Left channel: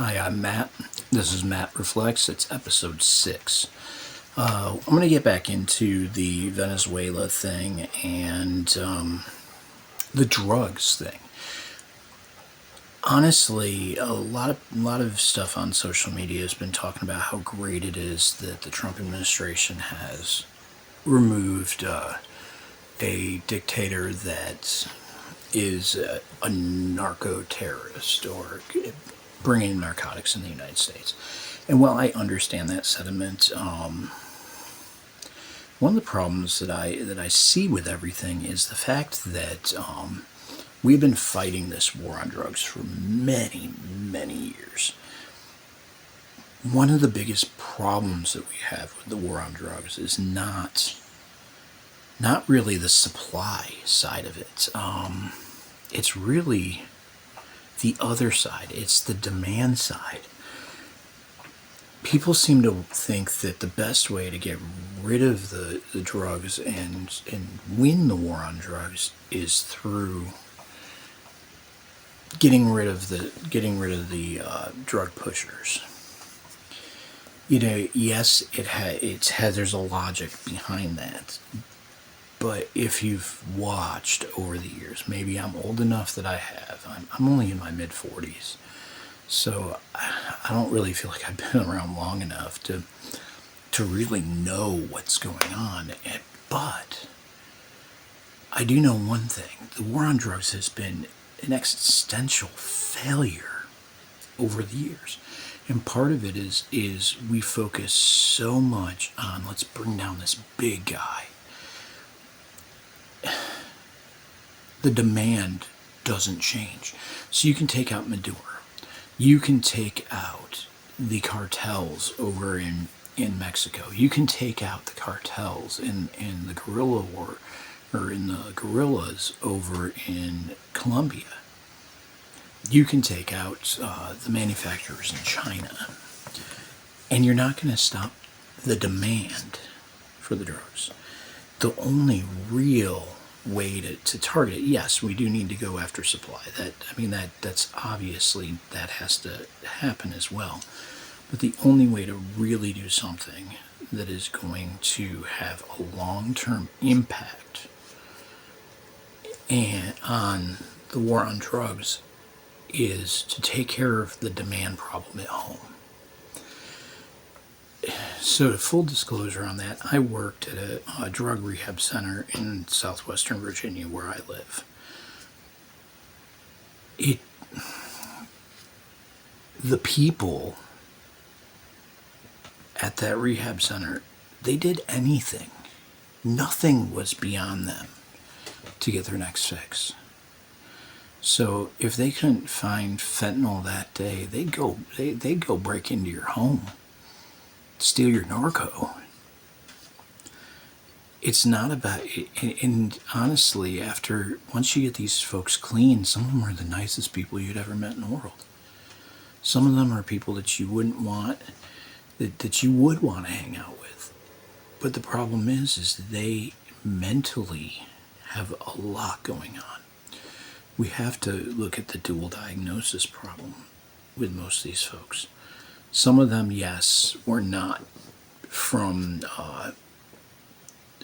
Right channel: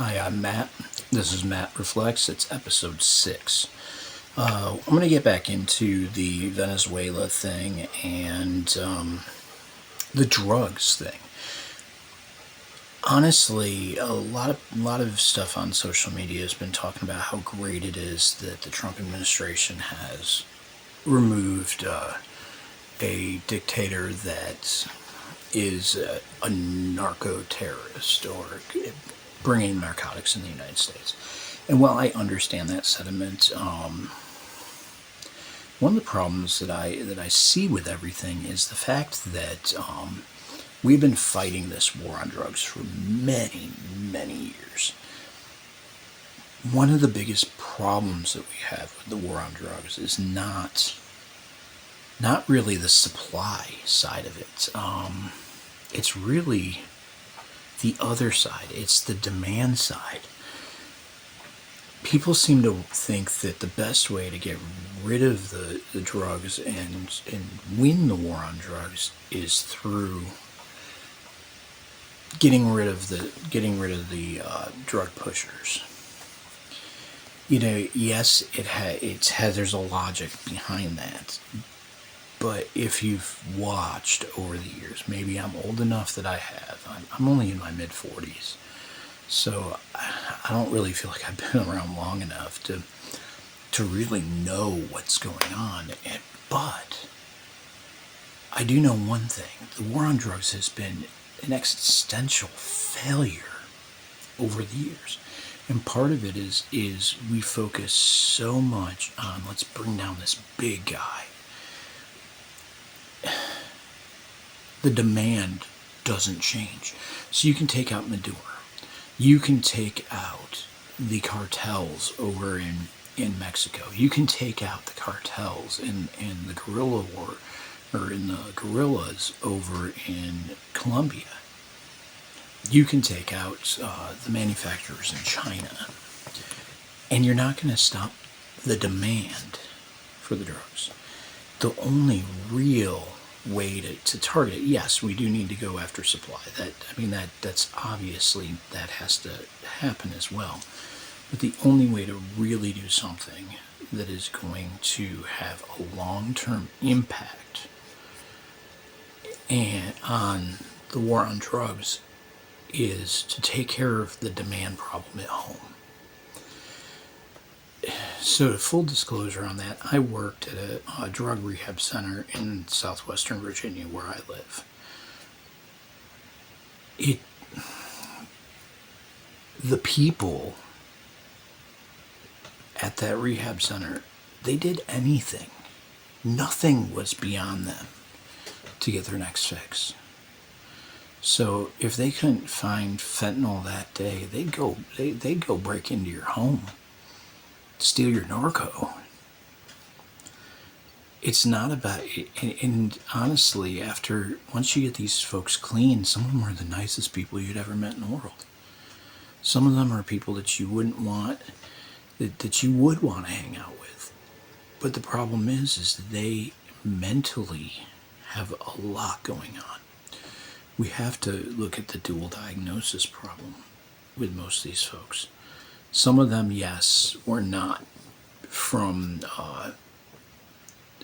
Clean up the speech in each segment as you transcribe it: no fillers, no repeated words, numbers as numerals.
Hi, I'm Matt. This is Matt Reflects. It's episode 6. I'm going to get back into the Venezuela thing and the drugs thing. Honestly, a lot of stuff on social media has been talking about how great it is that the Trump administration has removed a dictator that is a narco terrorist or bringing narcotics in the United States. And while I understand that sentiment, one of the problems that I see with everything is the fact that we've been fighting this war on drugs for many years. One of the biggest problems that we have with the war on drugs is not really the supply side of it. It's really the other side. It's the demand side. People seem to think that the best way to get rid of the drugs and win the war on drugs is through getting rid of the drug pushers. Yes, there's a logic behind that. But if you've watched over the years, maybe I'm old enough that I have. I'm only in my mid 40s, so I don't really feel like I've been around long enough to really know what's going on. But I do know one thing: the war on drugs has been an existential failure over the years. And part of it is we focus so much on let's bring down this big guy. The demand doesn't change. So you can take out Maduro. You can take out the cartels over in Mexico. You can take out the cartels in the guerrilla war or in the guerrillas over in Colombia. You can take out the manufacturers in China. And you're not going to stop the demand for the drugs. The only real way to target, yes, we do need to go after supply. That's obviously that has to happen as well. But the only way to really do something that is going to have a long-term impact and on the war on drugs is to take care of the demand problem at home. So, full disclosure on that, I worked at a drug rehab center in southwestern Virginia where I live. The people at that rehab center, they did anything. Nothing was beyond them to get their next fix. So if they couldn't find fentanyl that day, they'd go break into your home, steal your narco. It's not about, and honestly, once you get these folks clean, some of them are the nicest people you'd ever met in the world. Some of them are people that you wouldn't want, that you would want to hang out with. But the problem is they mentally have a lot going on. We have to look at the dual diagnosis problem with most of these folks. Some of them, yes, were not from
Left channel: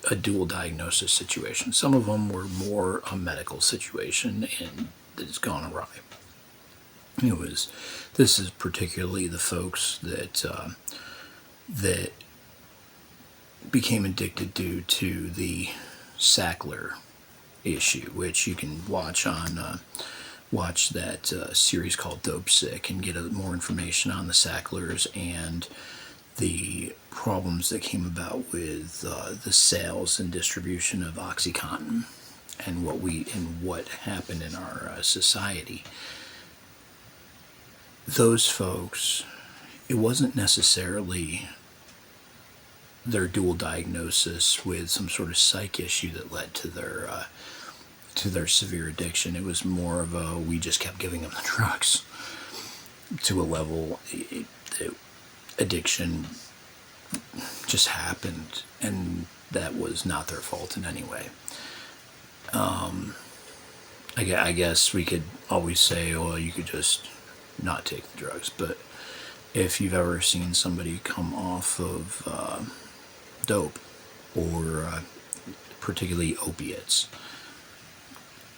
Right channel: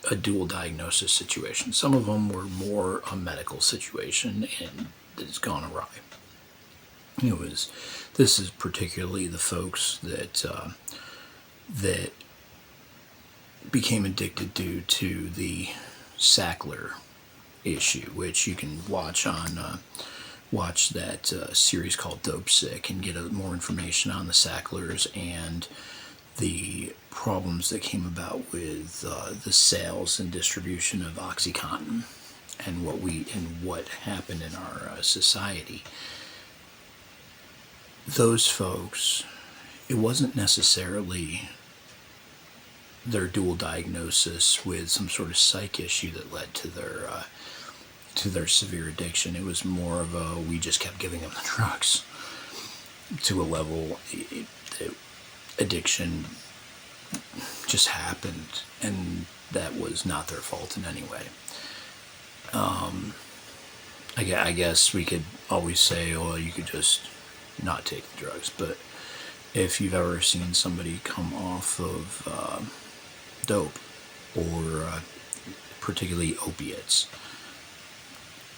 a dual diagnosis situation. Some of them were more a medical situation and it's gone awry. This is particularly the folks that became addicted due to the Sackler issue, which you can watch that series called Dope Sick and get more information on the Sacklers and the problems that came about with the sales and distribution of OxyContin and what happened in our society. Those folks, it wasn't necessarily their dual diagnosis with some sort of psych issue that led to their severe addiction. It was more of we just kept giving them the drugs to a level that addiction just happened, and that was not their fault in any way. I guess we could always say, well, you could just not take the drugs. But if you've ever seen somebody come off of dope or particularly opiates,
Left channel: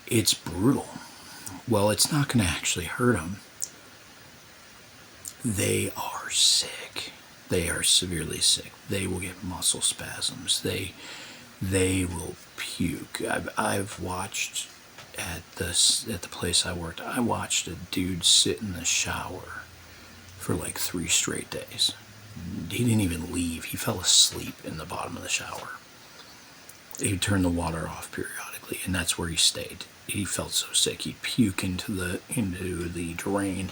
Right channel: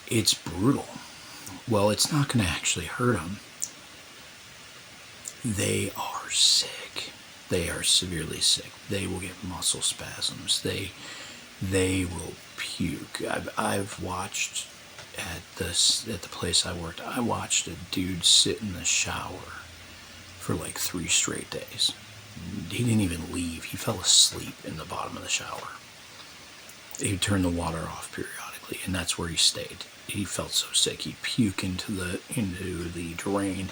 it's brutal. Well, it's not going to actually hurt them. They are sick. They are severely sick. They will get muscle spasms. They will puke. I've watched at the place I worked. I watched a dude sit in the shower for like 3 straight days. He didn't even leave. He fell asleep in the bottom of the shower. He'd turn the water off periodically, and that's where he stayed. He felt so sick. He'd puke into the drain.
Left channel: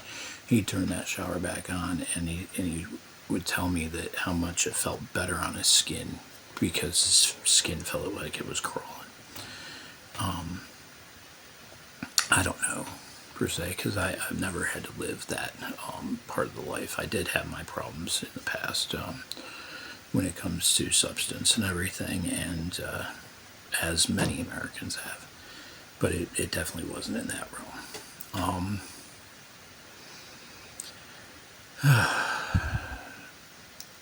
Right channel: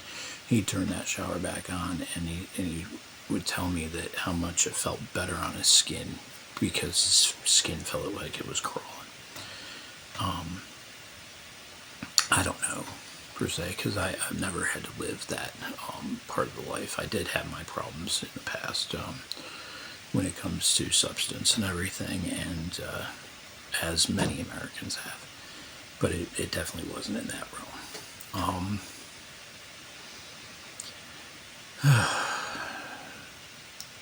He'd turn that shower back on, and he would tell me that how much it felt better on his skin because his skin felt like it was crawling. I don't know, per se, because I've never had to live that part of the life. I did have my problems in the past when it comes to substance and everything, and as many Americans have. But it definitely wasn't in that realm.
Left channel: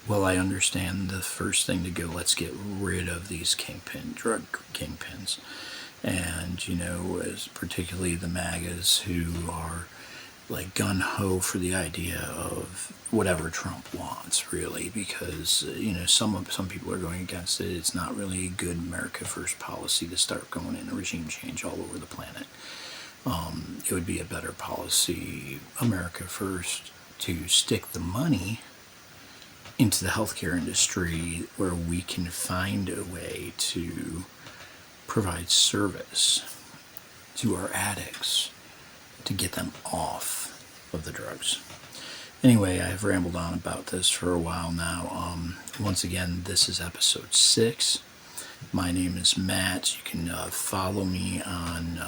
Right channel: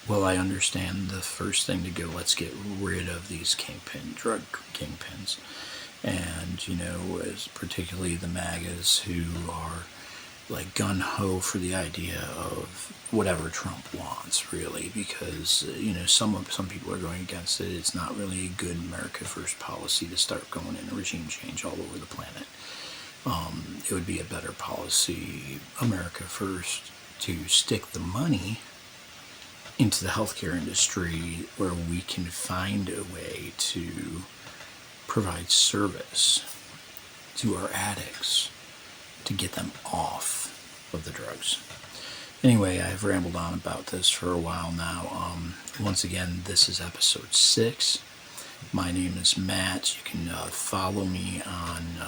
Well, I understand the first thing to go, let's get rid of these drug kingpins. And, as particularly the MAGAs who are like gun-ho for the idea of whatever Trump wants, really, because, some people are going against it. It's not really a good America First policy to start going in regime change all over the planet. It would be a better policy, America First, to stick the money into the healthcare industry where we can find a way to provide service to our addicts to get them off of the drugs. Anyway, I've rambled on about this for a while now. Once again, this is episode 6. My name is Matt. You can follow me on,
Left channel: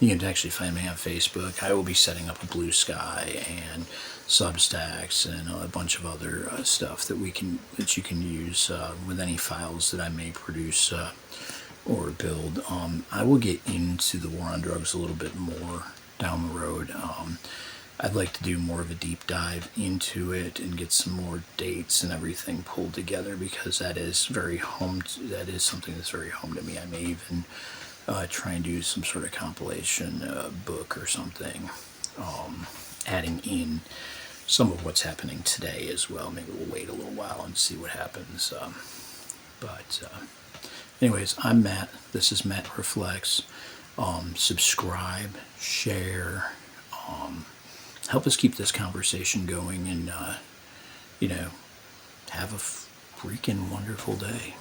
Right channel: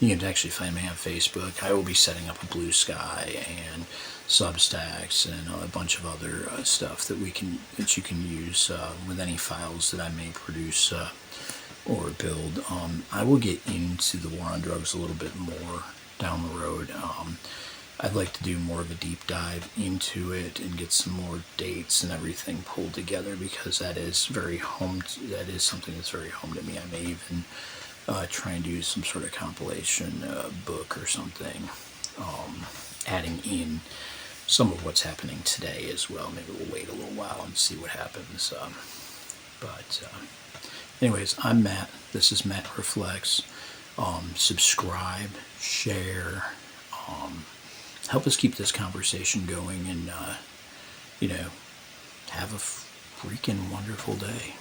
you can actually find me on Facebook. I will be setting up a Blue Sky and Substacks and a bunch of other stuff that you can use with any files that I may produce or build. I will get into the war on drugs a little bit more down the road. I'd like to do more of a deep dive into it and get some more dates and everything pulled together, because that is something that's very home to me. I may even try and do some sort of compilation book or something, adding in some of what's happening today as well. Maybe we'll wait a little while and see what happens. Anyways, I'm Matt. This is Matt Reflects. Subscribe, share, help us keep this conversation going, and have a freaking wonderful day.